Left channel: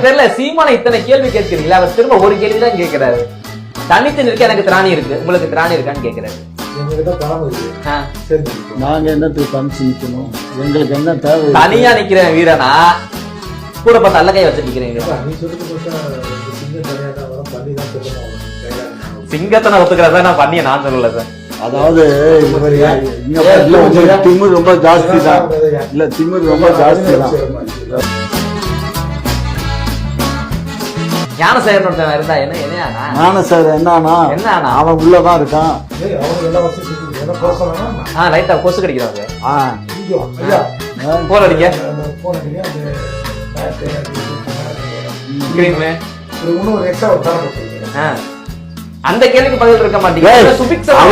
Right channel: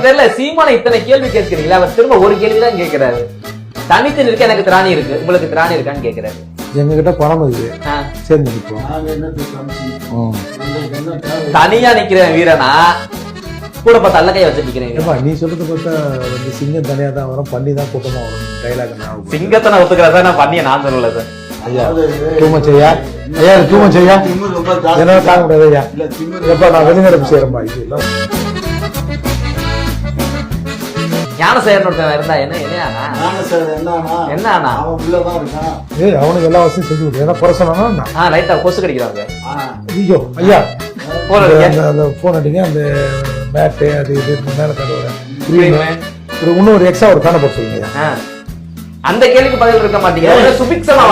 எனக்கு தெரியல சீமான இத்தனை கேள்வி கேட்கிறீங்களா? அவர் திரும்ப ஒரு கேள்வி தான் கேட்கிறாரு. தனித்து நிற்க எனக்கு திராணி இருக்கு. உங்களுக்கு திராணி இருக்கான்னு கேட்கிறாரு. எங்ககிட்ட பணம் நாங்க எங்களுக்கு என்ன தேவை? தனியா நிக்கிறேன் வீரனா? கூட பார்த்து அல்ல கை வச்சு நிக்கிறேன் வீரன். ஏப்பா, நீ சொல்றது பார்த்தா வந்து சிங்கம் தனியா தான் வரும் பள்ளி தான் கூட்டமா வரும் டைலாக் சிங்கத்தை நான் ஒத்துக்கிறேன் சார் நான் பண்ணிய நான் சொல்லல சார். அதாவது? திமிரு ஜாஸ்தி? இல்ல திமிரு ரொம்ப ஞானசேகரன் ஒருத்தன் இருந்தா என்ன என்னையானா நானும் சார் என்னன்னா என்ன ஆனா அவன் உள்ளதான் இருக்கான். ஏய் அவனுக்கு எல்லா வசதியும் செஞ்சு கொடு ஏன்னா குறை சொல்லணும்னா ஆ லைட்டா கொசு ஆ, ஐயோ ஐயா. போன் அடிக்க அந்த- போன் அடிக்க அந்த மேட்டு அது இது மேல தருவாங்க. ஒரு இன்னொரு எக்ஸ்ட்ரா ஒரு தானே போட்டுருங்க ஆ. அந்த கேள்விக்கு பதில் இருக்க மாட்டீங்க சுபிக்ஷமா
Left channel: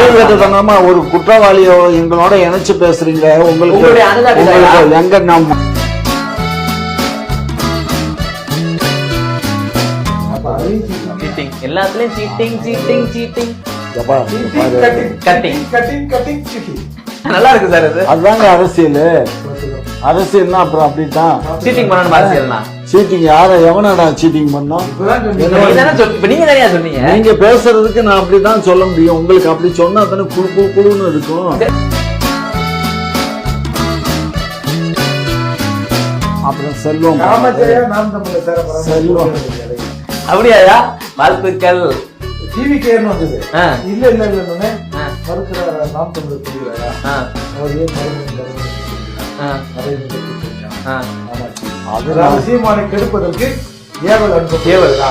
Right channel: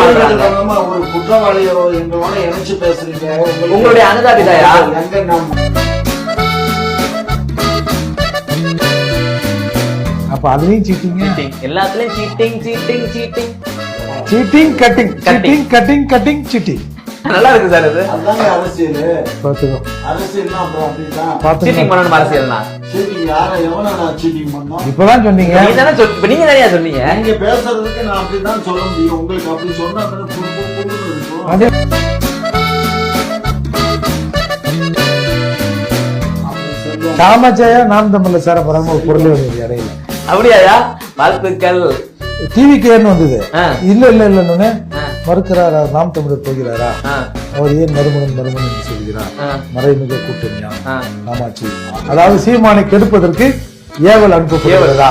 ஒரு குற்றவாளியோ எங்களோட இணைச்சு பேசுறீங்க உங்களுடைய அனுதாபிதாயா? எங்க நாம் அப்ப அதையும் சீட்டிங் சீட்டிங் எல்லாத்துலயும் cheating cheating cheating cheating cutting Cutting. Cutting cutting cutting cheating நல்லா இருக்கு சார் இது. அதுதாங்க அரசியல். அரசியல்னா அப்புறம் அப்படிதான் சீட்டிங் பண்ணணும் அரசியல்னா? சீட்டிங் யார எவனடா சீட்டிங் பண்ணோம்? இப்பதான் சொன்னீங்க. நீங்க தானே சொல்- இப்ப நீங்க தானே சொன்னீங்க? நீங்க பேசுறதுக்கு நான் அப்படிதான் சொல்ல முடியும். உங்களுக்கு அப்படி சொன்னா தானே குடு குடு குடுன்னு இருக்கும். அப்புறம் செல்வம். ராமாச்சாயா நாம் தமிழ்ல சேர போறாங்க அப்படியாயா வாழ்த்துக்கள். டிவிக்கு வேணும் வந்தது? ஆ, இல்ல இல்ல இல்லன்னு ஆ, மறுக்கிறாரா நாம் தமிழர் போகிறாரா? ஆ, அவர் ஏன் மருமகன் மருமகன் சொல்கிறார்? ஆ, மறைமுக கூட்டணியா ஆ. அதாவது சீமானை கெடுப்பதற்கு ஏவல் அனுப்ப ஏவல்தா.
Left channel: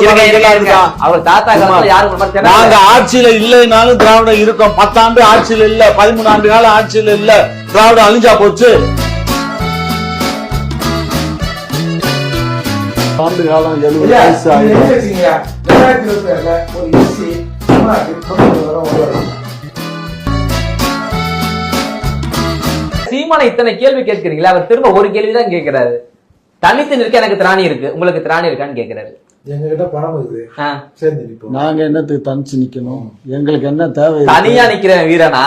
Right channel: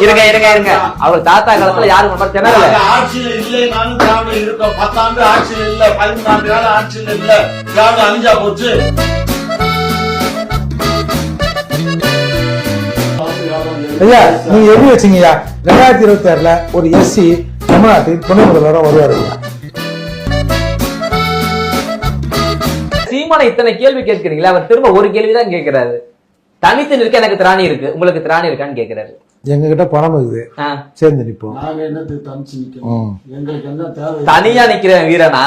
இருங்க இருங்க வரமாட்டான். அவர் தாத்தா காலத்துல யாரும் இந்த மாதிரி திணறல. நாங்க ஆட்சியில இல்லைனாலும் திராவிடம் இருக்கும். பத்தாண்டு ஆட்சியில இல்ல பதிமூணு ஆண்டு கால ஆட்சியில இல்ல. திராவிடம் அழிஞ்சா போச்சு. ஐயா நீங்க ரெண்டாயிரத்தி இருபத்தி ஆறுல ஒரு எஸ்சி தமிழ்நாட்டில் துணை முதல்வராக வருவாரு. சீமான இத்தனை கேள்வி கேட்கிறீங்களா? அவர் திரும்ப ஒரு கேள்வி தான் கேட்கிறாரு. தனித்து நிற்க எனக்கு திராணி இருக்கு. உங்களுக்கு திராணி இருக்கான்னு கேட்கிறாரு. எங்க கிட்ட பணம் இருக்குது. சேர்ந்து நிப்போம். நாங்க என்னத்துக்கு தனிச்சு நிக்கணும்? எங்களுக்கு என்ன தேவை? தனியா நிக்கிறேன் வீரனா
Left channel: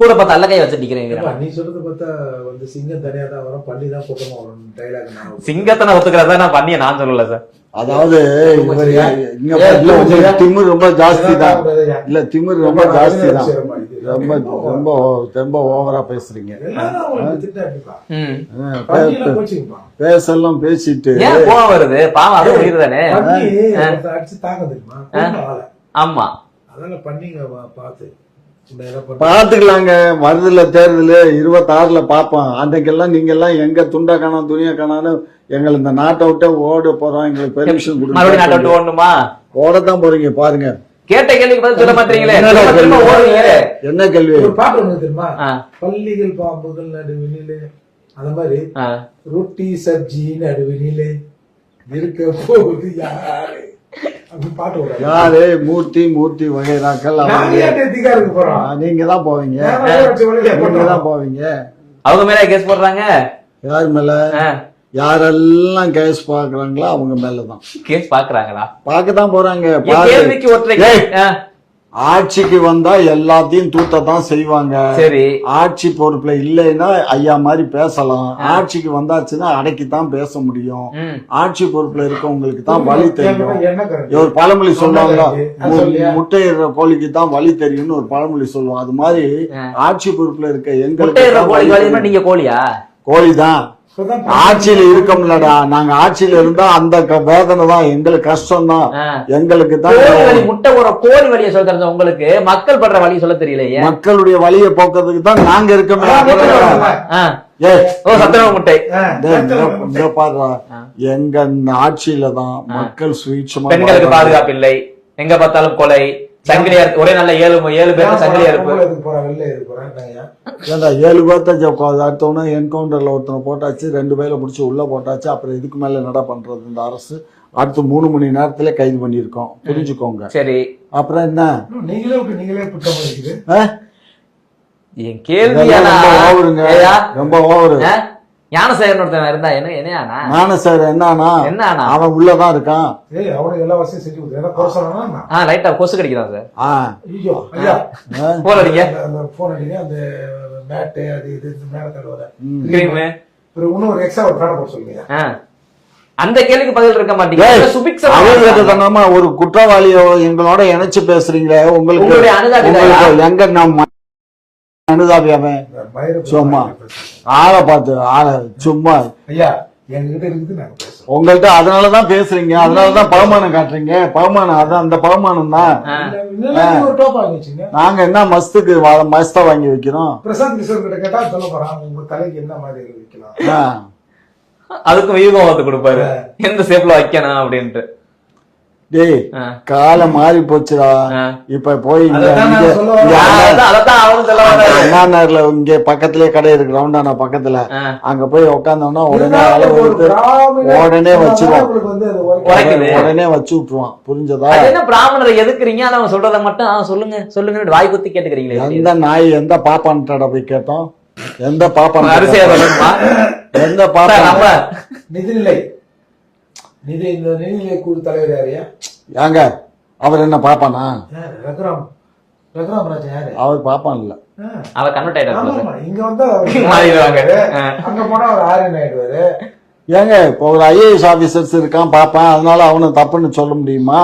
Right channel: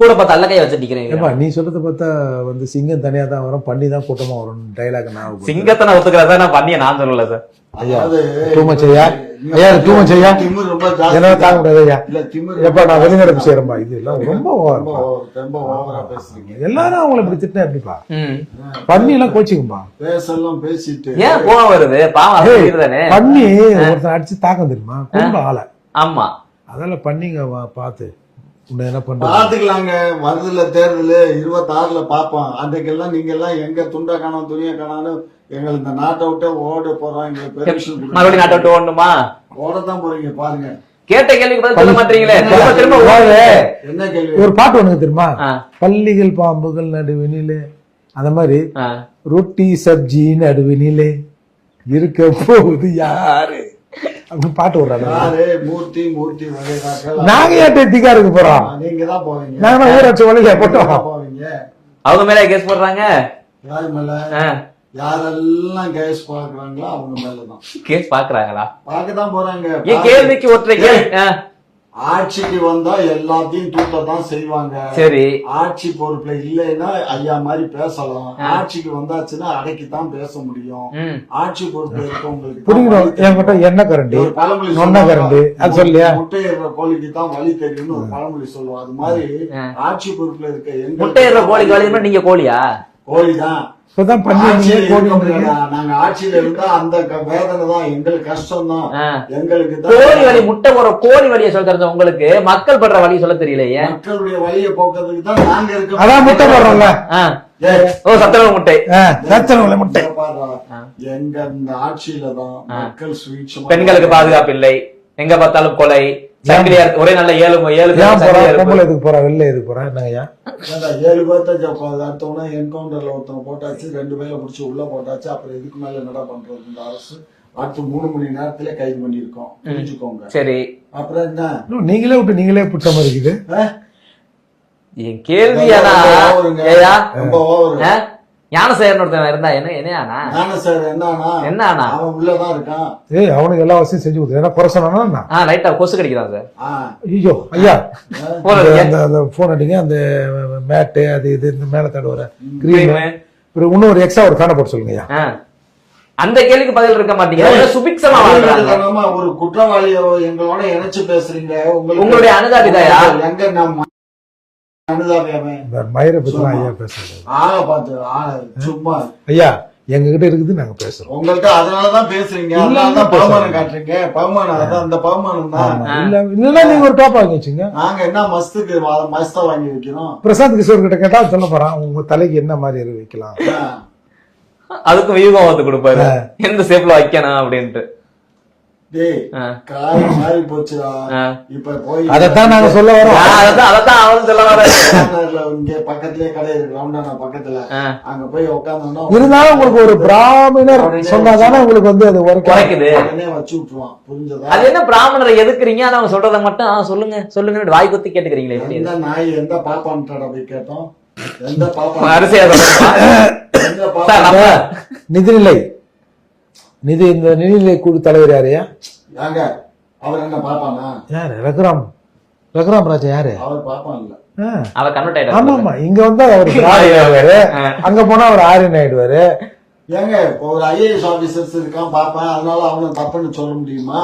கூட பார்த்து அல்ல கை வச்சு நிக்கிறேன் நீ சொல்றது பார்த்தா வந்து சிங்கம் தனியா தான் வரும் பள்ளி தான் கூட்டமா வரும் டைலாக் நான் சிங்கத்தை நான் ஒத்துக்கிறேன் சார் நான் பண்ணிய நான் சொல்லல சார். அதாவது? திமிரு ரொம்ப? இல்ல திமிரு ரொம்ப ரொம்ப ஓவரா பேசுறீங்க. எல்லாரும் அவங்களுக்கு திட்டா எப்படிப்பா? ம். பண்ணி எல்லாம் கோச்சிக்கும்பா பேசலாம் பேசிட்டு. ஏன் கோவம் வருது? பாவம் அது உயிர் தானே பண்ணி அடிச்சு தாக்கம் தெரியுமா? ஆமா. அதெல்லாம் பண்ணிங்க பார்த்து. பண்ற பாத்துக்கலாங்க வருதுல தேர்தல் இருபத்தி ஆறுல பாப்போம் அன்னைக்கெல்லாம் நீங்க எல்லாம் எங்க துண்டா காணோம் துணியா காணான்னு எங்களை இந்த நாட்டை விட்டு ஓட போறோம். எங்களுக்கு பெர்மிஷன் மறுபடியும் நாட்டை விட்டு ஓடணுமா? ஓடத்தான் போறீங்க பாருங்க. கேட்ட கேள்விக்கு பதில் சொல்ல மாட்டீங்களே. திரும்ப திரும்ப ஓடுங்க என்ன கேள்வி? ஒரு பாட்டு ஒண்ணு தெரியுமா? பள்ளிகள் பாம்புகள் நடுவினிலே. அந்த மாதிரி. ரொட்டி சப்ஜி நடுவினிலே. இருக்க போகுது யாரு? பாட்டு மூர்த்தி மூர்த்தி வகைராக்கள் நாங்க ஏன் திகா இருக்க போறோம்? நீங்க தான் போவீங்க. நீங்க அவங்க மேல கேஸ் போடுறாங்க? யாரு மேல? யாரெல்லாம் கேஸ் பாக்குறாங்களோ அவங்க மேலதான். கேஸ் பாக்குறாங்களா பார்க்கத்தான் போறாங்க. கேள்விக்கு ஒற்றை ஆட்சிக்கு வந்தா எல்லாத்தையும் தூத்ததான் செய்வாங்க. சரி. ஆட்சி பொறுப்புல இல்லைன்னா ஐயா மாதிரி பேசலாம். ஆட்சிக்கு வந்தாச்சுன்னா அடக்கித்தான் பேச முடியும். ஆட்சி பொறுப்புல இருக்கவங்களுக்கு தான் என்ன கரண்ட்? ஒரு பழமொழி சொன்ன கரண்ட். அது சொல்லியா? சொல்லுவாங்க முட்டையிடுற கோழிக்கு தான் வழி தெரியும்னு ஒரு பழமொழி சொல்லுவோம். அது மாதிரி. ஆட்சி பொறுப்புல இருக்க எங்க முட்டையிடுற கோழிக்கு நீங்க கோழியா? கோழி தான் ஆட்சியில பண்ணி- இருக்க முடியலடா. நாங்க ஆட்சியில இருந்தா அந்த க- வேதனை தான் எங்களுக்கு கஷ்டம் தான். எங்களுக்கு கோழி வழி தான் முட்டை ஒரு கோழி வழியை சொல்ல தெரிஞ்ச உங்களுக்கு மக்கள் படுற வழி சொல்ல தெரியலையே. மக்களுடைய வழியை போக்குறதுக்கு தான் நாங்க அதான் முட்டை இருக்க போடுறோம்ல. ஆ. ஏய், ஓ சத்திரவ முட்டை. முட்டை. எங்க ஆட்சியில தான் மக்கள் சுயேட்சமா பெண்களுக்கு பாதுகாப்பு இல்லை. எங்க பார்த்தாலும் கொலை. சங்கிலியா இருக்கு. ஒரே நல்ல ஏழு ஏழு பேர் சங்கிலியா பொம்பளை எதுக்கு போறா? வெளில எதுக்கு போறா? என்னங்கய்யா ஏன்டா, ஏழு பேர்த்த அடுத்தவன என்கவுண்டர்ல ஒருத்தனை போட்டாச்சு ரெண்டு பேரை முடிச்சு உள்ள போட்டாச்சு அப்புறம் இதுக்கு மேல என்னடா பண்றது இந்த அரசு? அடுத்து மூணு மணி நேரத்துல கைது பண்ணிருக்கோம் புரிஞ்சுக்கோங்க. சரி. அப்புறம் என்ன? நீங்களே விட்டு நீங்களே புட்ட மாதிரி இருக்குது. ஆ? என் கேள்வி ஆனா ரொம்ப ஓவருங்க. ஏயா? ரொம்ப ஓவரு? ஆ? ஞானசேகரன் ஒருத்தன் இருந்தா என்ன என்னையானா சார் என்னன்னா என்னண்ணா? அவன் உள்ளதான் இருக்கான். ஏய் அவனுக்கு எல்லா வசதியும் செஞ்சு கொடுத்து ஏன்னா குறை சொன்னா என்ன? ஆ லைட்டா கொசு கடிக்கிறான் சார். ஐயோ ஐயா. போன் அடிங்க. அந்த போன் அடிங்க. அந்த மேட்டு அது இது இந்த மேல தடவர கிரீமு அப்புறம் இன்னும் ஒரு எக்ஸ்ட்ரா ஒரு ஃபேனை போட்டு சொல்லுங்க ஐயா. அந்த கேள்விக்கு பதில் இருக்க மாட்டீங்க. சுபிக்ஷமா ஒரு குற்றவாளியோ எங்களோட இணைச்சு பேசுறீங்களே உங்களுக்கு உங்களுடைய அனுதாபிதாயா? எங்க நம்ம ஆளை பார்த்து ஆளை சும்மா. ஐயா எங்க கிட்ட இருக்குது நாங்க பேசுறோம். உங்கள்ட்ட அதனாலதான் பேசுறீங்க. அதனாலதான் பகுமானம் காட்டுறீங்க. பகுமானம் அதான் அந்த பகுமானம் தான் ஒரு டாப் வாங்கி வச்சுங்க. நாங்க என்ன மஸ்துக்கு வா- மஸ்தா வாங்கி வைக்கிறோம்? பிரசாந்த் கிஷோர் கிட்ட கேட்டா சொல்ல போறான் உங்க தலைக்கு என்ன மாதிரி வைக்கலாம். அதுக்கும் வியூகம் கொடுப்பாரு. எந்த ஷேப்ல வைக்கணும் அப்படின்ட்டு. டேய். காலம் மாறி போச்சுடா. இப்ப போய் அதைத்தான் நாங்க சொல்ல அவரும் நகர்ல இங்க பக்கத்துலயே கடை இருக்கு ரவுண்டானா பக்கத்துல. அங்க போய் உட்காந்தோம்னா இருந்தாலும் உங்களுக்கு ஒரு பிராமண உடனே. உங்களுக்கு வந்து அது ஒரு குறைக்குது. உடனே வச்சு விட்டுருவான். புரிஞ்சதா? அது என்ன பிராமணரை எதுக்குறீங்க? ஆனா அவங்க சொல்றத மட்டும் ஆ, சொல்லுங்க சொல்லுங்க வாய் குத்தி கேட்டுக்கிறீங்களே? எந்த நாய் எந்த பாப்பான்ட்டட போய் கேட்டோம்? எந்த பாப்பா அரிசியா எந்த பாப்பா நம்ம நிதிநிலை. நிதி இந்த நிதிநிலை குழு தலைவர் யாரையா ஏங்க அவர் என்ன பாப்பானா? யாரு? ரகுராம். ரகுராம் ராஜா யாரு? அவர் பாப்பான் இல்ல. ஆ. அவ கன்வெர்ட் ஆமா இங்க வந்தா அவரு. அங்க போனா அவர் ஆரியன் ஆயிடுவாரு. ஏங்க இப்போ ஒரு ஐஏஎஸ் ஆபீசர்ஸ் இருக்கான் பாப்பான். அதனால அவனை தப்புன்னு சொல்ல முடியுமா?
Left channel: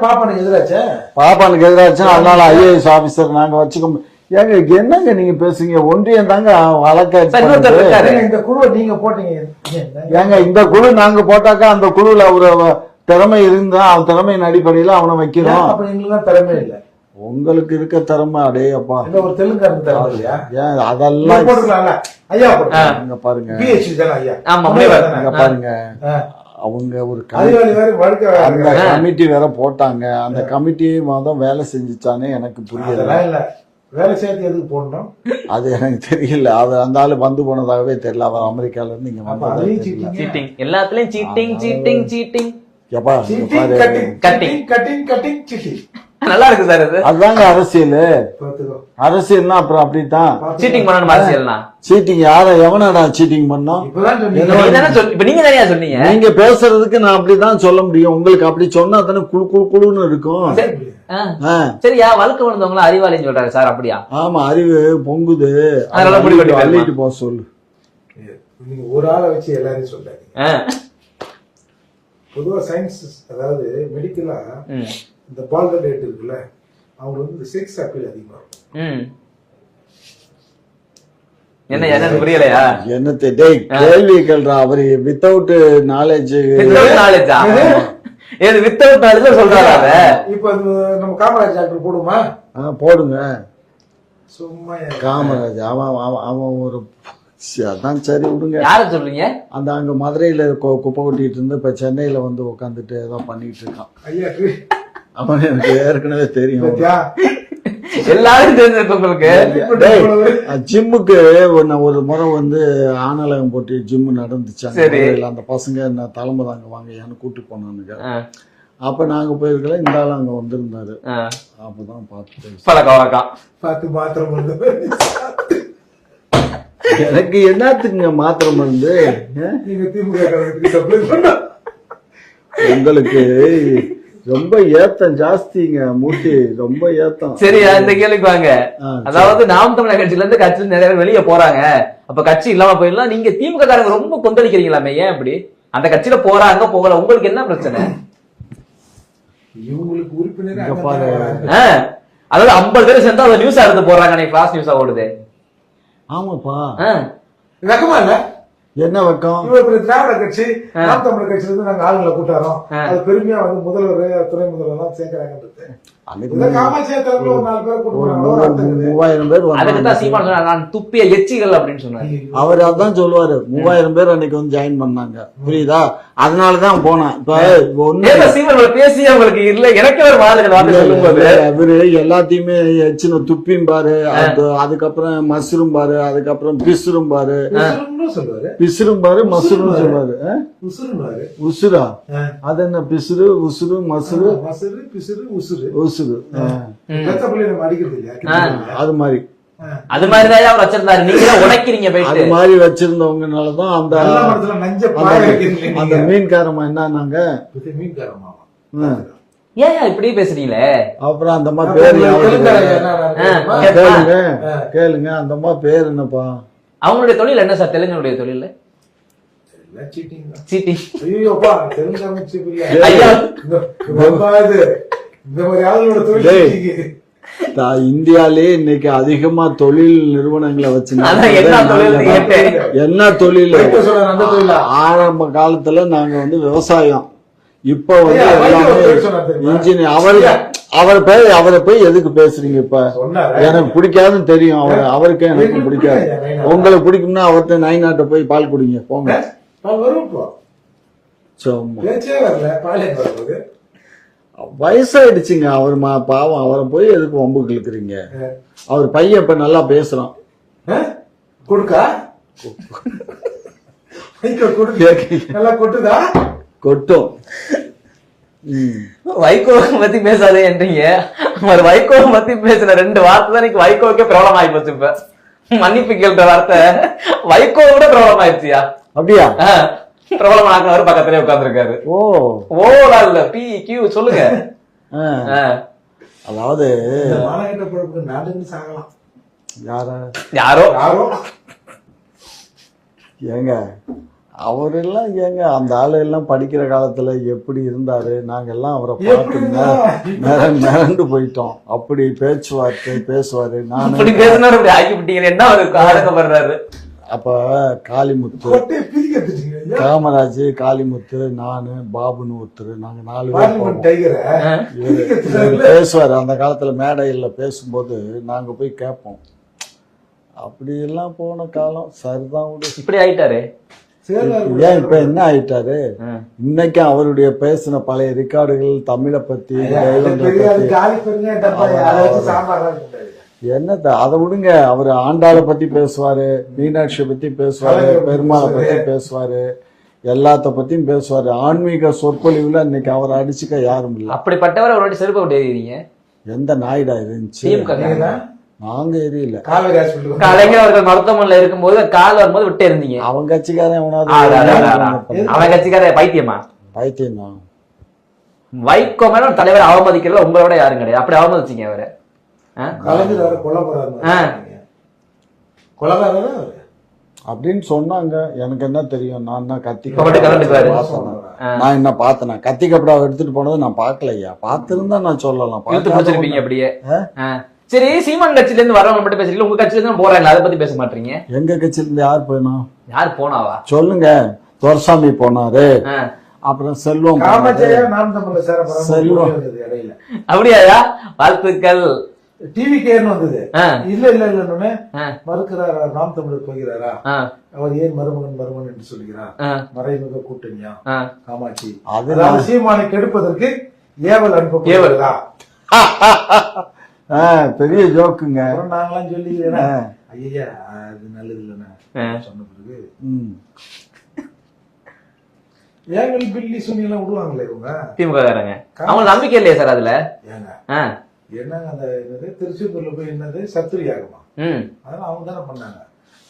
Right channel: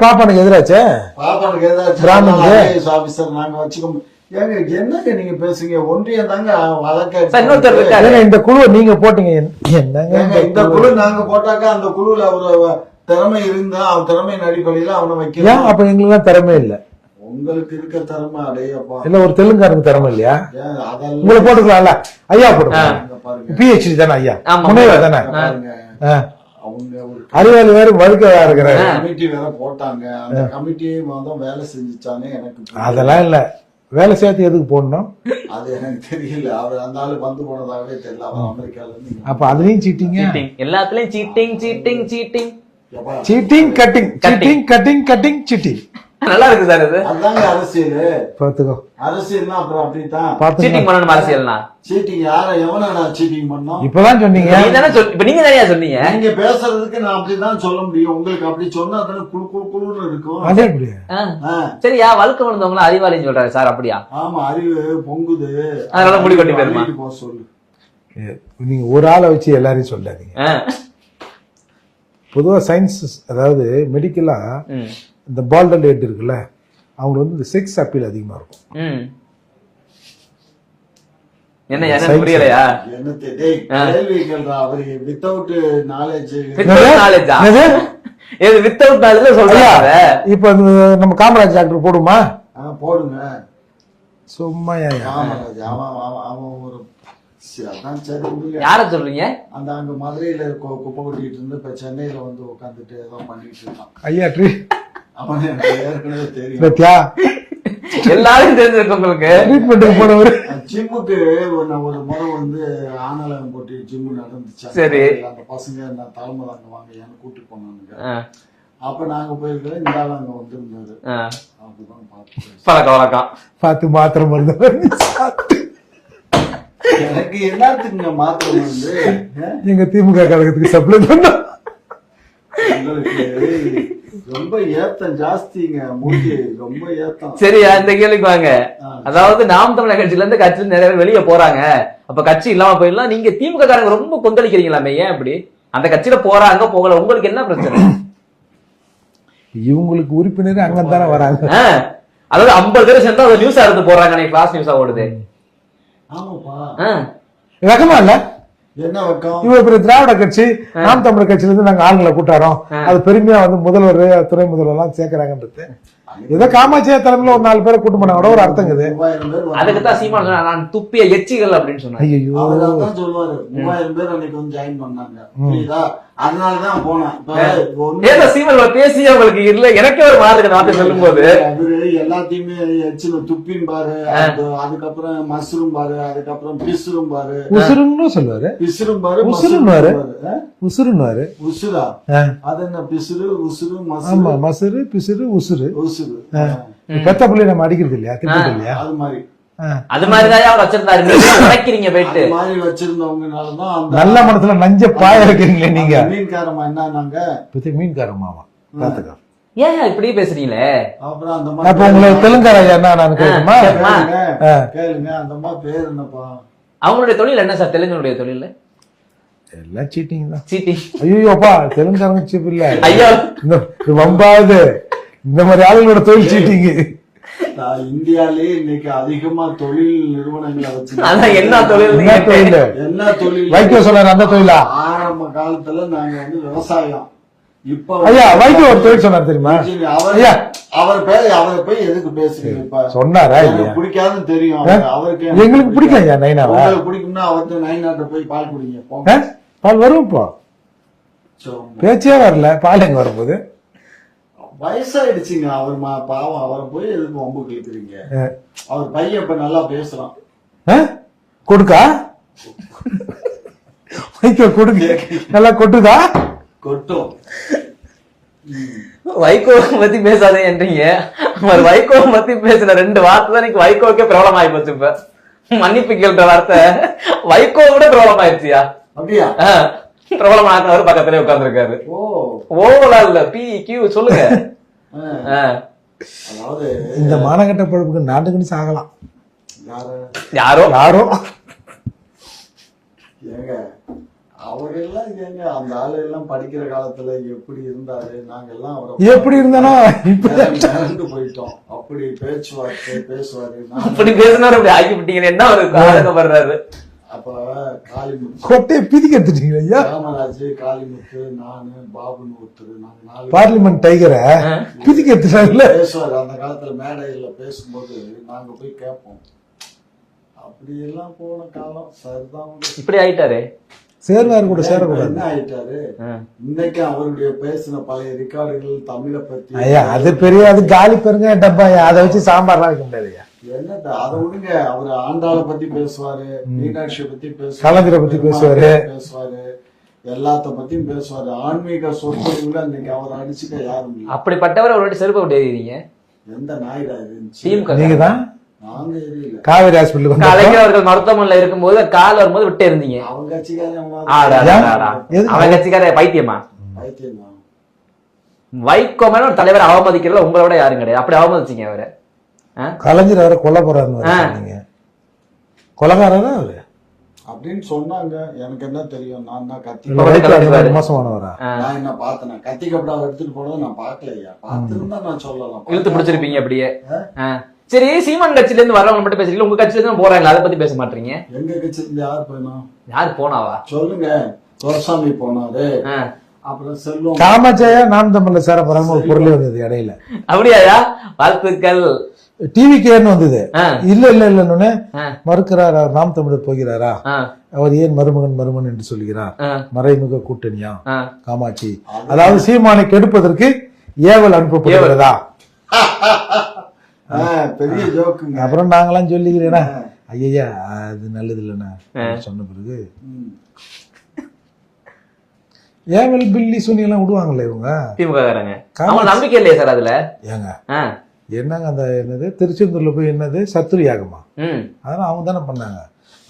பாப்பானுக்கு எதிராச்சே? பாப்பானுக்கு எதிராச்சு. அதனால ஐஏஎஸ் ஆபீசர் நாங்க வச்சுக்க மு- ஏங்க என்னங்க நீங்க பேசுறீங்க? ஒன்றியம் தாங்க வழக்க சார் இன்னொருத்தர் இருக்காரு. ஏங்க, இந்த குழுவை நீங்க போட்டீங்க. என்னங்க? ஏங்க இந்த குழு நாங்க போட்டாக்கா அந்த குழுல ஒரு திறமை இருந்தா அவன் திறமையின் அடிப்படையில அவனை ஏன் வைக்கிறோம் அப்ப எங்களுக்கு திறமை இல்ல? உங்களுக்கு இருக்க திறமை அடே அப்பா இல்ல ஒரு தெலுங்காருக்கு திறமை இல்லையா? அதெல்லாம் போட்டுக்கலாம்ல. ஐயா போடுங்க. பாருங்க. பிஹெச்டி தானே ஐயா? பாருங்க. அவங்க ஒரு அறிவாளி வேற வழுக்க இருக்கிறாரு. கமிட்டி வேற போட்டாங்க. அந்த கமிட்டி மாதம் வேலை செஞ்சுச்சானே எனக்கு அதெல்லாம் இல்ல. வேலை சேர்த்து எதுக்கு போடணும்? அது எனக்கு தெரியல. அவர் அந்த ஆளு வந்து போனதாகவே தெரியல. அவர் அமெரிக்கால இருந்து இங்க அப்ப அதுலயும் சீட்டிங்க சீட்டிங் எல்லாத்துலயும் cheating cheating cheating cheating. Cutting Cutting. Cutting cutting cutting cheating நல்லா இருக்கு சார் இது. அதுதாங்க அரசியல். பாத்துக்கோ. அரசியல்னா அப்புறம் அப்படித்தான். சீட்டிங் பண்ணணும் அரசியல்னா? சீட்டிங் யார எவனடா சீட்டிங் பண்ணோம்? இப்பதான் சொன்னீங்க. நீங்க தானே இப்ப நீங்க தானே சொன்னீங்க? நீங்க பேசுறதுக்கு நான் அப்படிதான் சொல்ல முடியும். உங்களுக்கு அப்படி சொன்னா தானே குழு குழு குழுன்னு இருக்கும். சரியா வழுக்க விழுந்தவங்கள அறிவாளின்னு சொல்றாரு சார் அப்படியா? ஆமா அறிவு பொங்குது. அதனால முடி கொட்டி? அள்ளிட்டு போக சொல்லு. நீங்க ஒரு ஆளை வச்சு எல்லாரையும் சொல்லாதீங்க. பொதுவா சயின்ஸ் அதாவது மெடிக்கலா. இந்த பால்டல் ரேட் இருக்குல்ல அவங்களுக்கு வந்து இந்த செக்ஸ் அப்பீல் அதிகமா இருக்கும். என்ன புரியலையா? என்னத்தை டேய் கேள்வி கேள்றா அவரு வித்தவுட் நாலேஜ் நாலேஜா ஏது வித்தவுட் நாலேஜ் சொல்றாங்க. இப்ப நம்ம காமராஜ் டாக்டர் போடுமா? போடுங்க. சும்மா? காமராஜ் அவன் அவன் அவன் ஒரு சரி, அதான் சரி விடுங்க. யார சொல்றீங்க? அந்த அங்க மதுரையில குப்பை கொட்டிட்டு இருந்து இப்ப சென்னையில வந்து உட்காந்துட்டு ஏதோ பண்ணிட்டு இருக்கான். ஐயா அவன் எனக்கு ஏற்கனவே தெரியும். பத்தியா? எல்லாரும் தெரிஞ்சிருக்கு உங்களுக்கு. ஜிம்முக்கு ஒன்னு ஒரு முறை வந்து ஆனலகம் போட்டு ஜிம் நடந்துச்சு. சரி. அந்த பசங்க என்ன தலைமை தாங்க வாங்க கூட்டு போனானுங்க. அப்ப நாங்க போயிருக்கல இந்த ஆள் அங்க வந்திருந்தாரு. அப்பதான் பார்த்து பழக்க வழக்கம். பார்த்து மாத்திரம் வந்தவர் எனக்கு என்னத்துக்குங்க மாத்திரம் வந்து? எங்க திமுக கழகத்துக்கு சப்ளை பண்ணோம் உங்களுக்கு ரொம்ப ஏத்தம் ஜாஸ்திங்க மூட்டி ரொம்ப ஏத்தம். சரியா இந்த கேள்விக்கு வாங்க. அதாவது நாம் தமிழர் கட்சியில இருந்து கட்சியில நிறைய பேர் வெளியே போறாங்க. அப்ப கட்சி இல்லாம போயிடலாம். நீங்க திமுக காரங்க ரொம்ப கொந்தளிக்கிறீங்களாமே ஏன் இப்படி? அந்த கட்சியில போறாங்க போகல. உங்களுக்கு என்ன பிரச்சனை? இவங்களுக்கு உறுப்பினர் அங்க தானே வராங்க. அதாவது ஐம்பது பேர் சேர்ந்தா அதை நியூஸா எடுத்து போடுறாங்க கிளாஸ் நியூஸா ஓடுது. ஆமாப்பா. வெக்கமா இல்ல? என்ன வெக்கம்? இவ இப்ப திராவிட கட்சி நாம் தமிழர் கட்சியில இருந்து நாங்க ஆண்களை கூட்டாரோம் அது பெருமையா வந்து முதல்வர் துணை முதல்வர் எல்லாம் சேர்க்கிறாங்கன்றது காமாட்சியா தலைமையில ஒரு நாலு பேரை கூட்டு போனாங்க. ஒரு அர்த்தம் இருக்குது மூவாயிரம் பேர் அதுக்கு தான் வந்தாங்க. சீமான் சொன்னார், நான் துப்பிய எச்சிகள் அப்படின்னு ஐயோ அவர் சொல்லுவாரு. மூவாயிரம் பேர் அன்னைக்கு வந்து ஜாயின் பண்ணாங்க. புரியுதா? அதனாலதான் போனேன். இப்ப சீமான் இவ்வளவு பேசியே உங்களுக்கு இல்ல. எனக்கே ஒரு அந்த வார்த்தை சொல்லும் போது இவரு எல்லாத்தையுமே எச்சின துப்பியும் பாரு அது அதுக்கப்புறம் மஷ்ரூம் பாரு அதுக்கப்புறம் பிசுரும் பாரு. உசுருன்னு சொன்னாரு பிசுரும் பாரு மஷ்ரூம் உசுரும்பாரு. பாரு. ஆ? உசுருன்னாரு உசுரா. அது என்ன பிசுறு உசுறு ஆமா மசுரு மசுரு பிசுறு உசுரு உசுறு. பெத்த பிள்ளை நம்ம அடிக்கிறது இல்லையா? அது மாதிரி. அது மாதிரிதான் அவர் வச்சிருந்தாரு? நீங்க தான் உடைக்கிறீங்க போயிட்டு. மாதிரி வச்சிருந்தவங்கனாலதான் அந்த நல்ல மனசுல நஞ்ச பாய வைக்கிறீங்களே நீங்க. மீன்காரமா என்னன்னாங்க மீன்காரமாவா ஏன் இப்படி பேசுறீங்களே? அப்புறம் அந்த மாதிரி. கேளுங்க. அந்த அம்மா பேர் என்னப்பா? அவங்களுடைய தொழில் என்ன சார்? தெலுங்கனுடைய தொழில்? எல்லாம் சீட்டிங் தான். சீட்டி ஐயோப்பா தெலுங்காரங்க சீப் இல்ல ஐயா. இந்த இது வம்பா இது. இந்த மாதிரி ஆளுங்களோட தொழில். சீட்டிங் தா- இந்தியாலே இன்னைக்கு அதிகமா தொழில் நிறுவனங்களை வச்சு என்ன என்ன தொழில்? அந்த தொழிலா? ஆரம்ப காலத்துல நாங்க வந்து விவசாயம். இப்ப சொன்னார் தெரியுமா. அவர். அவர் பேர் அவரை போய் எதுக்கு பேசுறீங்க இப்ப? சொன்னாரா? எனக்கு பிடிக்காதுன்னு தெரியும். அவர் அவருக்கு எங்களுக்கு பிடிக்கல நைனா உங்களுக்கு பிடிக்கும்னா அவர்கிட்ட நைனாட்ட போய் பால் குடிங்க போங்க. பால் வரும் இப்போ. பேச்சே வரல பால் எங்க வரும்போது? வயசாயிடுச்சுங்க அவர் மா பாவம் அவரை போய் எதுக்கு வம்புக்கு இழுக்கிறீங்க அவர் பையன் இப்ப நல்லா பேசுறான்? கொடுக்கா? கொடுங்க. நல்லா கொட்டுதா? கொட்டும். ம். வைகோ பத்தி பேசாதே என்றீங்க. அவர் வைகோ பத்தி பேசின ரெண்டு வார்த்தை தான் இன்னைக்கு வைகோக்கே பிரபலம் ஆகி போச்சு இப்ப. மன்னிப்பு கேள்ற வார்த்தை. வைகோ விட பிரபலம் ஆயிடுச்சியா? அப்படியா? பிரபலம் ஆக்கினவர் பக்கத்திலே உட்கார்ந்துருக்காரு. ஓ. ஓலா இல்ல பி கியூ சொல்லுங்க. அதாவது இந்த மானகட்ட பழுப்புக்கு நாட்டுக்குன்னு சாகலாம். யாரு? யாரோ? யாரோ? ஏங்க அவரெல்லாம் ஏங்க அந்த ஆளு எல்லாம் படிக்கிற காலத்துல எப்படி இருந்தாரு? நாங்க எல்லாம் அவரை எப்படி இருந்தாலும் மிரண்டு- மிரண்டு போயிட்டோம். அப்படி பேச்சுவார்த்தை பேசுவாரு. நான் இப்படி பேசினாரு இப்படி ஆக்கி விட்டீங்க என்ன ஒரு ஆடக்கப்படுறாரு அப்ப காளிமுத்து கொட்டையை பிதிக்க எடுத்துட்டீங்க ஐயா. ராமராஜ் காளிமுத்து நானு பாபுன்னு ஒருத்தர் நாங்க நாலு பேர் பார்லிமெண்ட் டைகரை பிதிக்க எடுத்துட்டாருல பேசுவாரு. அந்த காலத்துல மேடையில பேசும்போது நாங்க போய் கேட்போம். அப்படி எல்லாம் போன காலம். சரிதான். இப்படி ஆயிட்டாரு. சேர்வார் இப்ப. என்ன ஆயிட்டாரு? இன்னைக்கு அவருடைய பேசின பழைய ரெக்கார்டுகள் தமிழை பத்தி அது பெரிய அது காலி பெருங்க டப்பா அதை வச்சு சாம்பார்லாம் வைக்க முடியாது ஐயா. என்னத்த அதை விடுங்க. அவர் ஆண்டாளை பத்தி பேசுவாரு மீனாட்சியை பத்தி பேசுவாரு பெருமாளை பேசுவாரு. பத்தி பேசுவாரு எல்லாத்த பத்தியும் பேசுவாரு. ஆன்மீக சொற்பொழிவுல இன்னைக்கு அவரை அடிச்சுக்க யாரும் இல்லை. அப்படிப்பட்டவர் ஒரு வாட்டி செருப்பு விட்டு எந்த நாயுடா இருந்துச்சு? நீங்க எரியல காவேரி ஹாஸ்பிட்டலுக்கு கலைஞர் அவர்கள் மருத்துவமனையில இருக்கும்போது கால் வரும்போது விட்டு இருந்தீங்க அவன் கட்சிக்காரன் ஆடா, ஆடா, ஆடா, ஆடா. எவனாவது அவன் கட்சிக்கார பைத்தியமா? பைத்தியம்? வைகோ மேல ஒரு தலைவர் அவமதிக்கிறதுல உங்களை விட யாரும் கிடையாது. அப்படி அவமதிச்சீங்க அவரை? கலைஞர் அவரை கொல்ல. சொன்னீங்க. கொலகாரனா அவரு? அப்படின்னு சொன்னாங்க. எனக்கு என்ன தெரியும்? நான் தான் கத்தி. மோசமானவரா? நான் என்ன பார்த்தேன்? கத்தி கப்படா எடுத்துட்டு போனது நான் பார்க்கலையா? பார்த்திருந்தா நான் சொல்லலாம். இழுத்து பிடிச்சிருப்பீங்க அப்படியே. சரி சீமான் கட்சியில இருந்து வரவங்க மட்டும் பேசுறீங்க உங்க கட்சியில இருந்து போறாங்களா? அதை பத்தி பேச மாட்டீங்க. எங்க கட்சியில இருந்து யார் போயினோம் யார் போனாவா? சொல்லுங்க. துரசாமி போனாரு. அப்புறம் செல்வம். காமாட்சியா நான் தமிழ்ல சேர? போறாங்க இடையில. அப்படியாயா? வாழ்த்துக்கள். டிவி கேன்னு வந்தது. இல்ல இல்ல இல்லன்னு. மறுக்கிறார் நாம் தமிழர் போகிறாரா. அவர் ஏன் மருமகன் மருமகன் என்று சொல்கிறார். மறைமுக கூட்டணியா. காமாட்சி. அது- அதாவது சீமானை கெடுப்பதற்கு ஏவல் அனுப்பப்படுகிறதா? ஆ, பெரிய ஜோக்குங்க. அப்புறம் நாங்களாம் சொல்லிக்கிறேன்னா ஐயா அது நல்லது இல்லைண்ணா சொன்ன பிறகு ம். ஏவல் பில்லி எல்லாம் விடுவாங்களே இவங்க? திமுக காரங்க அவங்க நம்பிக்கை இல்லையா சார் அதுல? ஏங்க. என்னங்க அந்த என்னது? திருச்செந்தூர்ல போய் என்னது? சத்துரு யாகமா. அதெல்லாம் அவங்க தானே பண்ணாங்க.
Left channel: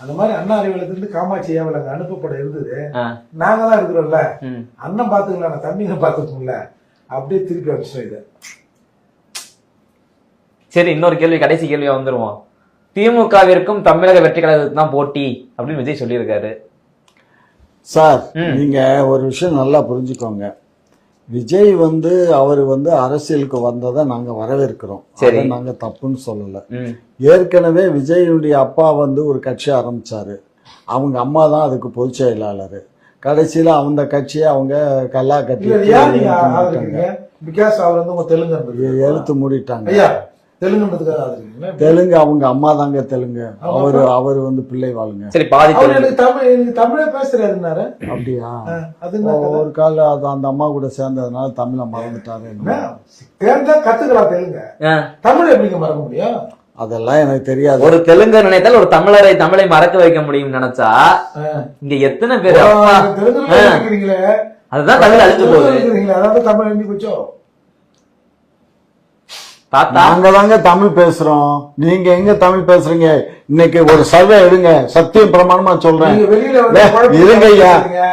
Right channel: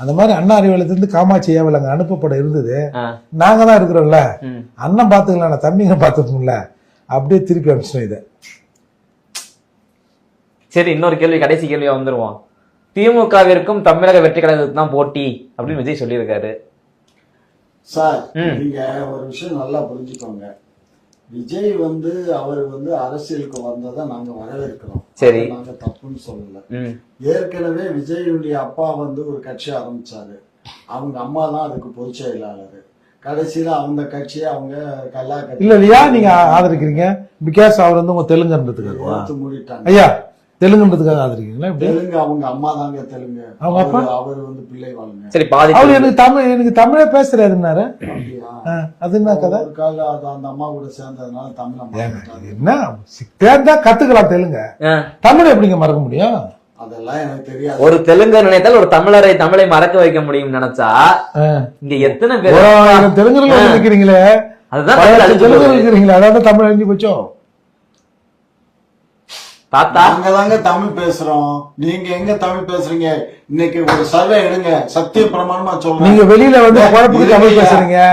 அந்த மாதிரி அண்ணா அறிவாலயத்திலிருந்து காமாட்சி ஏவல் அங்க அனுப்பப்பட இருந்தது. நாங்க தான் இருக்கிறோம்ல. அண்ணன் பாத்துக்கலாம் தம்பிங்க பாத்துக்கோங்கள அப்படியே திருப்பி அனுப்பிச்சோம் இதை. சரி இன்னொரு கேள்வி கடைசி கேள்வியா வந்துருவோம். திமுகவிற்கும் தமிழக வெற்றி கழகத்துக்கு தான் போட்டி அப்படின்னு விஜய் சொல்லியிருக்காரு. சார். நீங்க ஒரு விஷயம் நல்லா புரிஞ்சுக்கோங்க. விஜய் வந்து அவர் வந்து அரசியலுக்கு வந்ததை நாங்க வரவேற்கிறோம். சரி. நாங்க தப்புன்னு சொல்லல. ஏற்கனவே விஜயுடைய அப்பா வந்து ஒரு கட்சி ஆரம்பிச்சாரு. அவங்க அம்மா தான் அதுக்கு பொதுச் செயலாளர். கடைசியில அந்த கட்சியை அவங்க கல்லா இல்லையா நீங்க ஆதரிக்கிறீங்க? பிகாஸ் அவர் வந்து உங்க தெலுங்குன்றதுக்கு எடுத்து மூடிட்டாங்க. ஐயா தெலுங்குன்றதுக்காக ஆதரிக்கிறீங்களா? தெலுங்கு அவங்க அம்மா தாங்க தெலுங்கு. அவரு அவர் வந்து பிள்ளை வாழுங்க சரி பாதி தெலுங்கு. எனக்கு தமிழ் எனக்கு தமிழே பேசுறாருன்னாரு. அப்படியா? அது என்ன ஒரு கால அது அந்த அம்மா கூட சேர்ந்ததுனால தமிழை மறந்துட்டாரு. என்ன? தேர்ந்தா கத்துக்கலாம் தெலுங்க. தமிழை எப்படிங்க மறக்க முடியும்? அதெல்லாம் எனக்கு தெரியாது. ஒரு தெலுங்கு நினைத்தால் ஒரு தமிழரை தமிழை மறக்க வைக்க முடியும் நினைச்சா. இங்க எத்தனை பேர். இருக்கிறீங்களே. அதுதான் தமிழ் அழிஞ்சு போகுது. அதாவது தமிழ் அழிஞ்சு போச்சோ? தாத்தா? நாங்க தாங்க தமிழ் பேசுறோம். நீங்க எங்க தமிழ் பேசுறீங்க? இன்னைக்கு ஒரு சர்வே எடுங்க. சத்தியம் பிரமாணமா சொல்றேன். நீங்க வெளியில வந்து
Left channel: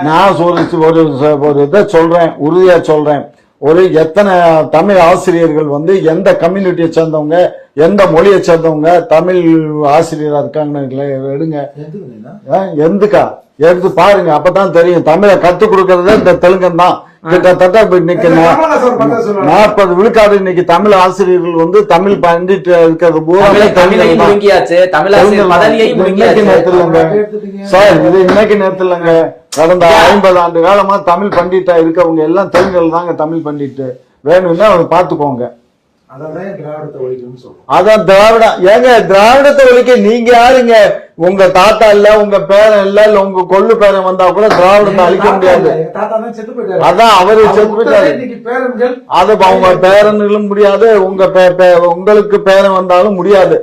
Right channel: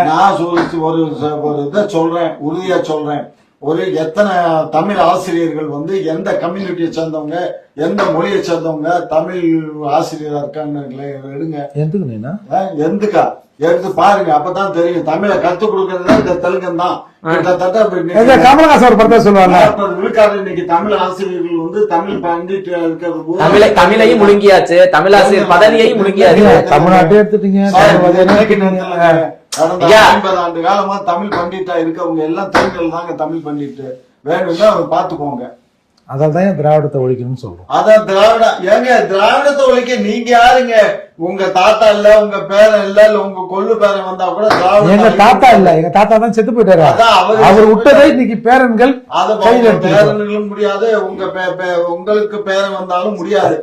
நான் சொல்ற ஒரு ஒரு இதை சொல்றேன். உறுதியா சொல்றேன். ஒரு எத்தனை தமிழ் ஆசிரியர்கள் வந்து எந்த கம்யூனிட்டியை சேர்ந்தவங்க எந்த மொழியை சேர்ந்தவங்க தமிழ் ஆசிரியரா இருக்காங்கன்னு எடுங்க. எதுக்கு எடுத்து பாருங்க அப்பதான் தெரியும். தமிழை கத்து கொடுக்கறது இந்த தெலுங்கன் தான். கிட்டத்தட்ட நாற்பது விழுக்காடு இன்னைக்கு தமிழ் ஆசிரியர்கள் வந்து தமிழ் பண்டிட்டு இருக்கிறது போது தமிழை தமிழையும் முழுங்கியாச்சு. தமிழாசிரியர் பதவியையும் முழுங்கியாச்சு. தமிழ்நாட்டை எடுத்துட்டீங்க. சார் இது இன்னைக்கு நேரத்துலங்க கடந்த. ஐம்பது ஆண்டு காலமா தமிழ் பண்டிட்டா இருக்கவங்க எல்லாம் தெலுங்கல் தாங்க தமிழ் பண்டிட்டு. வேணும்னா அதை பாத்துக்கோங்க அதான் தான் திராவிடத்தை ஒழிக்கணும்னு சொல்றோம்? அதான் திராவிட ஏங்க திராவிடத்தை ஒழிக்க நீங்க யாருங்க? உங்க தாத்தா இல்ல உங்க பேரன் இல்ல இல்ல உங்க கொள்ளு பேரன் வந்தா கூட அழிக்க தாத்தா இல்ல. எங்க தாத்தா தான் செத்து போயிட்டாரு. அதான் அவரு அவர் விட்டதே இன்னைக்கு பேரன்கள் அது உங்க பேரன்களும் முடியாது உங்க உங்களுக்கு பேரன் வந்தாலும் முடியாது.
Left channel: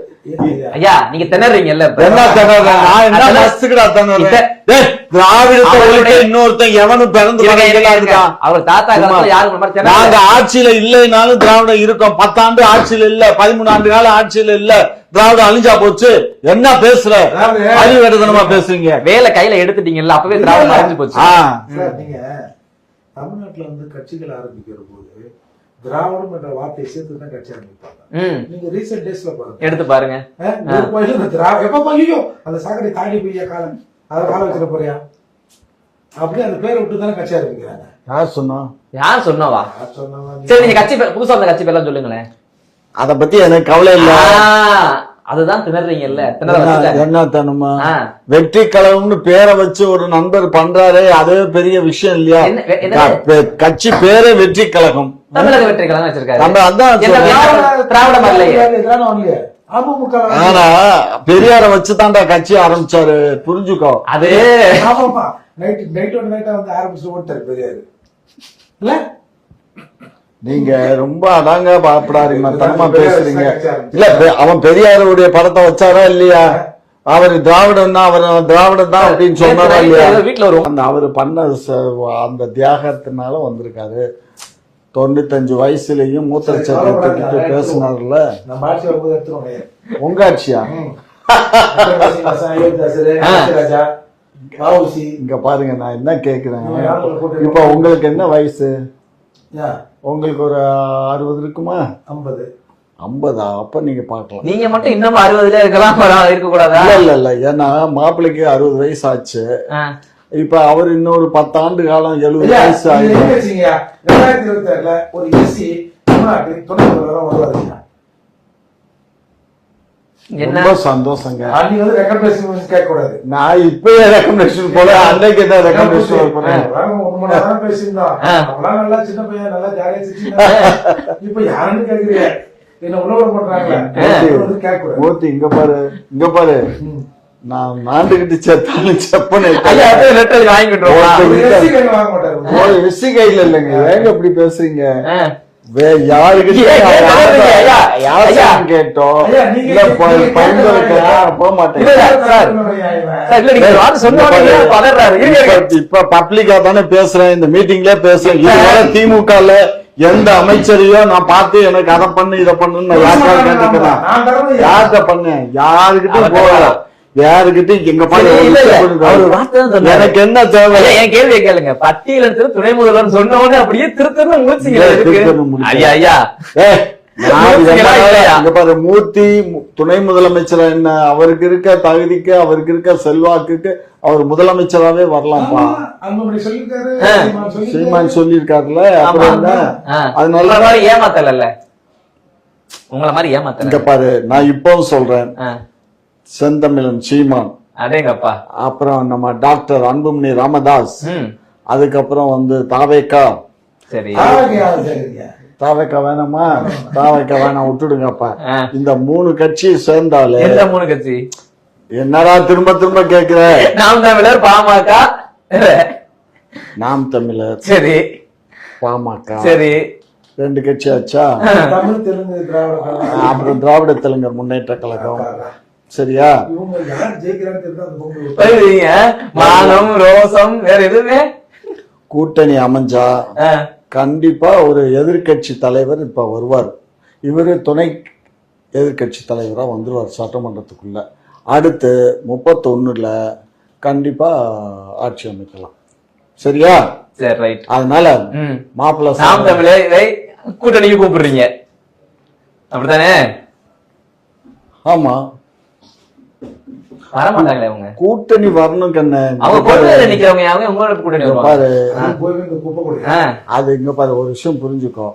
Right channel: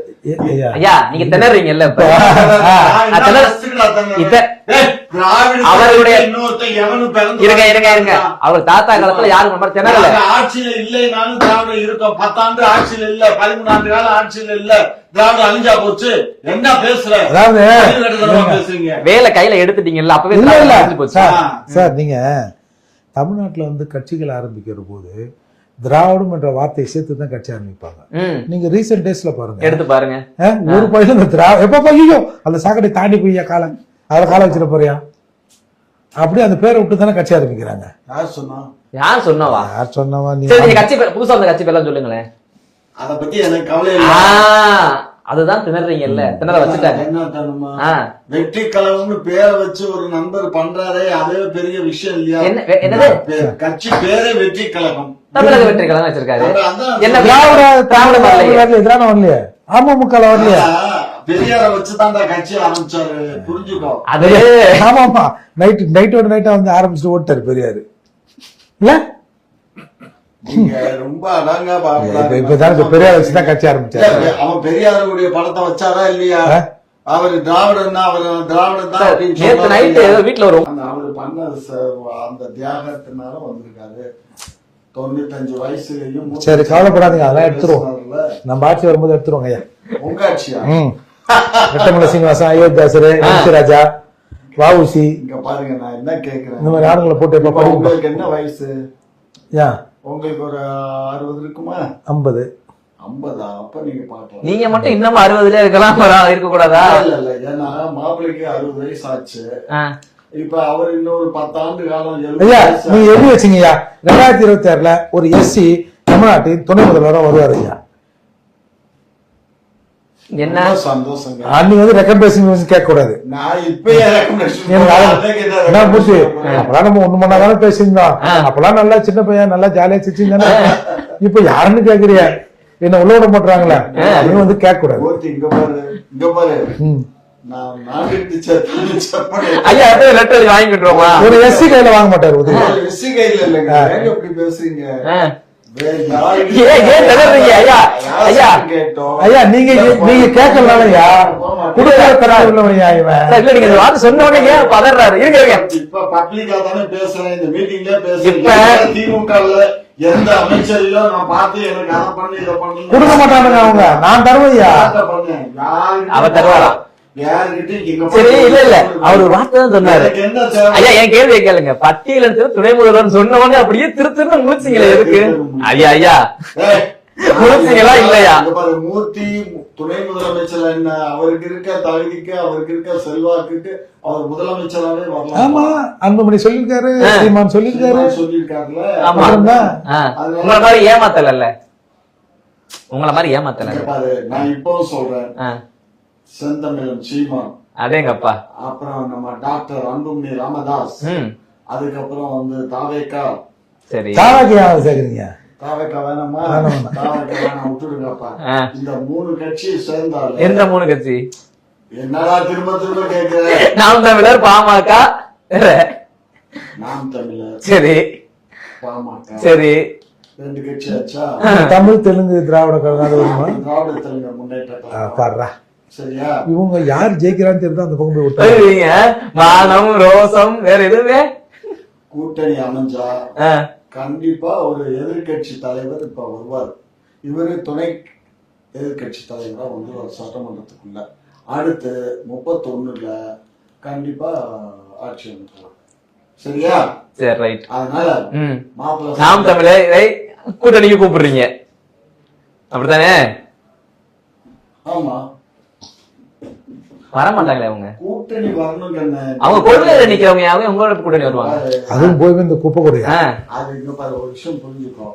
ஐயா, நீங்க திணறீங்கல்ல இப்ப? என்ன திணறா? நான் என்ன அதெல்லாம் ரசிகடா திணறேன்? இத்த- டேய், திராவிடத்தை அவர்களுடைய- ஒழிக்க இன்னொருத்தன் எவனும் பிறந்து இருங்க இருங்க இருங்க. வளர்ந்துட்டான். அவர் தாத்தா காலத்துல யாரும் மாதிரி திணறல. ஆட்சியில இல்லைனாலும் திராவிடம் இருக்கும். பத்தாண்டு ஆட்சியில இல்ல பதிமூணு ஆண்டு காலம் ஆட்சியில இல்ல. திராவிடம் அழிஞ்சா போச்சு. என்ன பேசுற? பேசுறீங்க. வேலை கையில எடுத்துட்டீங்கல்ல அப்பவே திராவிடம். அழிஞ்சு போச்சு. சார் நீங்க தமிழ்நாட்டுல வந்து கட்சிகள் ஆரம்பிக்கிற போது திராவிடம் என்ற வார்த்தையை சேர்த்து தான் கட்சி ஆரம்பிப்பாங்க. நீங்க ரீசெண்ட் டேஸ்ல பாருங்க. எடுத்து பாருங்க. ஒரு பையன் இந்த திரா எப்ப பையோ அந்த சாக்கடை தாண்டி போய்யா காலம் அதுல காலம் வச்சிட போறியா? அப்படி அந்த பேரை விட்டு தானே கட்சி ஆரம்பிக்கிறாங்க. யார் சொன்னா? யார் சொன்னவா? யார் சொன்னவா நீங்க கட்சி பேர் புதுசா அந்த கட்சி பேர்லாம் சொல்லுங்களேன். அத பத்தி எனக்கு கவலை ஆ, இல்ல அதுதான் திணறீங்கல்ல. திணற வச்சுட்டாங்க. என்ன தனுமா? ஆ. வெற்றி கழகம்னு பேரை வச்சு ஒரு நண்பர் பண்றாரே அதே பெரிய விஷயம் இல்லையா? என்ன கட்சி பேரே வெற்றி கழகம். தமிழக வெற்றி கழகம் வச்சிருக்காரு எதிரான வரலையே அமமுக பெரியார வச்சு தான்டா கட்சி ஆரம்பிச்சாரு. புரிஞ்சுக்கோ. அது ஆமா ஆமா நைட் நைட்டோட நைட்டா வந்து ஆரம்பிச்சுட்டு ஓட்டாரு பெரியாரு. இல்ல? நீங்க ரொம்ப அதாங்க அவன் பெரியாருடைய படத்தை வச்சாரா இல்லையா? அவர் திராவிடம் தான் அவர் திராவிடம் தான் அப்படின்னு நேத்து சொன்னாரா வீட்டுல ஒரு அந்த அவர் பண்ண அந்த தியாகத்தினால வந்திருக்காரு. தொண்ணூத்தஞ்சு வயசுலயும் மூத்த சரி, கவலைப்படாதீங்க, நம்ம ஆட்சி வரும்போது எடுத்துருவாங்க ஐயா. உங்க ஆட்சியா? சீனிவாசன் அயோத்தியாசரு ராஜா வஉசி. இங்க பாருங்க நான் என்ன கேக்குறேன். உங்களுக்கு என்ன வயசு? யா. உங்களுக்கு ஒரு அறுபது இருக்குமா? ஐம்பது. ஐம்பதா? அப்ப நீங்க பாக்கலாம் நீங்க மட்டும் இன்னமும் அறுபதுல இருக்கலாம் வர- இருக்க கூடாதா இல்ல இல்ல. ஏன்னா மாப்பிள்ளைக்கு அறுபது வயசு ஆச்சு. இப்ப அவர் இன்னொரு பத்தாண்டு காலம் எழுபது எழுதி வச்சீங்கய்யா. ரெண்டாயிரத்தி இருபத்தி ஆறுல ஒரு எஸ்சி தமிழ்நாட்டின் துணை முதல்வராக வருவாருங்க என்ன? சந்தோஷங்க. அன்னைக்கு வந்து ரெக்கமெண்டேஷன் கேட்க கூடாது நான் போடுறேன்? நம்ம ஒண்ணு மணி நேரம் பேசியிருந்தோம். அப்பெல்லாம் நல்லா சின்ன பையன் நல்லா ஜாலியா சிரிச்சிங்க இப்ப யாருன்னு கேக்குறிய? என்ன உள்ள விட மாட்டாங்களே இது வந்து கேட்க கூடாது இங்க பாரு இங்க பாரு. நான் செப்பனை. ஐயா அப்படியே லெட்டர் வாங்கிட்டுருவோமா ஒரு எஸ்சி கையில வாங்க மாட்டாரு. விசி கையில இல்லைங்க. ஏங்க இப்படி பேசுறீங்க? இப்ப பப்ளிக்கா தானே பேசுறேன். இந்த மீட்டிங்ல பேசுறேன். திமுகல எந்த அமைச்சரையோ நான் பார்த்து எனக்கு அதை பண்ணு இதை பண்ணுன்னு நான் தருவையா யார்கிட்ட பண்ணேன் யாருகிட்ட அவர் போறா? தருவாரா? யாருகிட்ட எங்க சரி இல்ல இல்ல அவர் ஒரு வார்த்தை தான் சொன்னாரு எனக்கு என்ன தேவை ஐயா என் கேள்வியை கேளுங்க பட்டியலிடத்துல துணை முதல்வர் சொன்ன உடனே அப்படியே திருத்தன்னு முழிச்சிங்களே எதுக்கு ஐயா ஐயா இல்லையா? மூர்த்தி துணை முதலமைச்சர் என்ன அவருக்கு இருக்க தகுதிக்கு அவருக்கு இருக்க செல்வாக்குக்கு அவர் முதலமைச்சராவே வரலாமா அன்புமணி சொல்லிருக்காரு ஆ. சீமான் சொல்லிருக்காரு சீமான் சொல்லியிருக்காருல்ல ஆமா. அதனால ஆ. அதனால உங்களை மாதிரி ஏமாத்தல உங்களை மாதிரி ஏமாத்தல பாரு நான் இப்பவும் சொல்றேன். செந்தமிழன் சீமான். அடேங்கப்பா. அப்புறம் நம்ம டாக்டர் அன்புமணி ராமதாஸ். அதுக்கப்புறம் வந்து தாவேக்கா. சரி. தாராகியா சரிங்க தாவேக்கா வேணாமா? தாவேக்கா வேணாம் விட்டுடுங்கப்பா. இந்த மூணு கட்சி சேர்ந்தாலே எந்த மூணு கட்சி? என்னடா திரும்ப திரும்ப கேக்குற? நாம் தமிழர் பாமக. நாம் தமிழர் சரி. பாமக. சரி. ரெண்டு கட்சி ஆச்சா? தமிழ் தெலுங்கு திராவிட திராவிட தெலுங்கு முன்னேற்ற கழகம். சரியா? இவங்க யார் ஜெயிக்கிறான்னு தெரிஞ்சா அந்த பக்கம் மானம் ரோசம் வேற எதுவுமே? கூட்டணி அமைஞ்சா. கண்டிப்பா ஒரு எதிர்க்கட்சி தலைவர் இப்ப வருவார். இவரு துணை எதிர்க்கட்சி தலைவரா வந்துருவார் சட்டமன்றத்துக்குள்ள. அடுத்து முப்பத்தொன்னுல கண்டிப்பா ஆட்சி அமைக்கலாம். சரியா? சரி ரைட் அதனால மாப்பிள்ள நாம் தமிழே கூட்டணிக்கு கூப்பிடுறீங்க. அப்படித்தானே? ஆமா. வர மாட்டாங்களே அவங்க? கூட்டணி வரணும் கண்ணு அவங்க கொள்கையில நிக்கிறவங்க அவங்க உங்களோட கூட்டணி வருவாங்க. அதுவும் போய் இந்த குப்பை கொடுங்க அது இங்க பாரு ஒரு விஷயம் புரிஞ்சுக்கோ.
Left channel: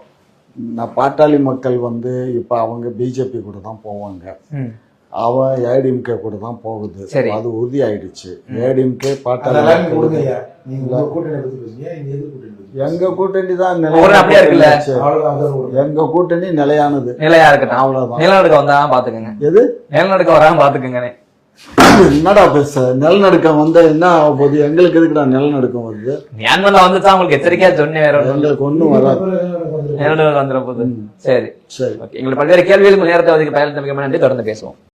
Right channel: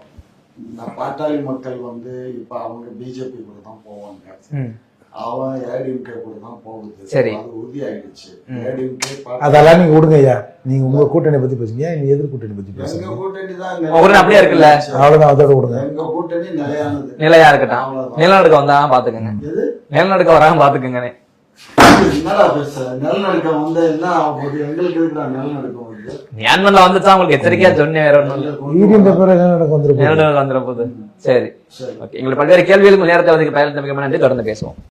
நான் பாட்டாளி மக்கள் வந்து இப்ப அவங்க பிஜேபி கூட தான் போவாங்க. ம். அவன் ஏடிஎம்கே கூட தான் போகுது. சரி. அது உறுதி ஆயிடுச்சு. ஏடிஎம்கே அதெல்லாம் நீங்க கொடுங்க ஐயா. நீங்க உங்க கூட்டணி பத்தி பேசுங்க. நீங்க எதிர் கூட்டணி பத்தி எங்க கூட்டணி தான் அப்படியே இருக்குல்ல? அவ்வளவுதான் அதோட கொடுங்க எங்க கூட்டணி நிலையானது. நிலையா இருக்கட்டும். அவ்வளவுதான். நிலநடுக்கம் வந்தா பாத்துக்கோங்க. எது? நிலநடுக்கம் வராம பாத்துக்கோங்க என்னடா பேச? நிலநடுக்கம் வந்தா என்ன ஆக போகுது? எங்களுக்கு எதுக்குடா நிலநடுக்கம் வருது? மியான்மர்ல வந்துச்சா உங்களுக்கு எச்சரிக்கையா சொன்னேன் வேற நிலநடுக்கம் வந்துட போகுது. சரி. சரி. ஓகே எங்களுக்கு பல்வேறு கேள்விகளுக்கு நேரத்தை ஒதுக்கி பயணத்தை மிக நன்றி. தொடர்ந்து பேசுவோம்.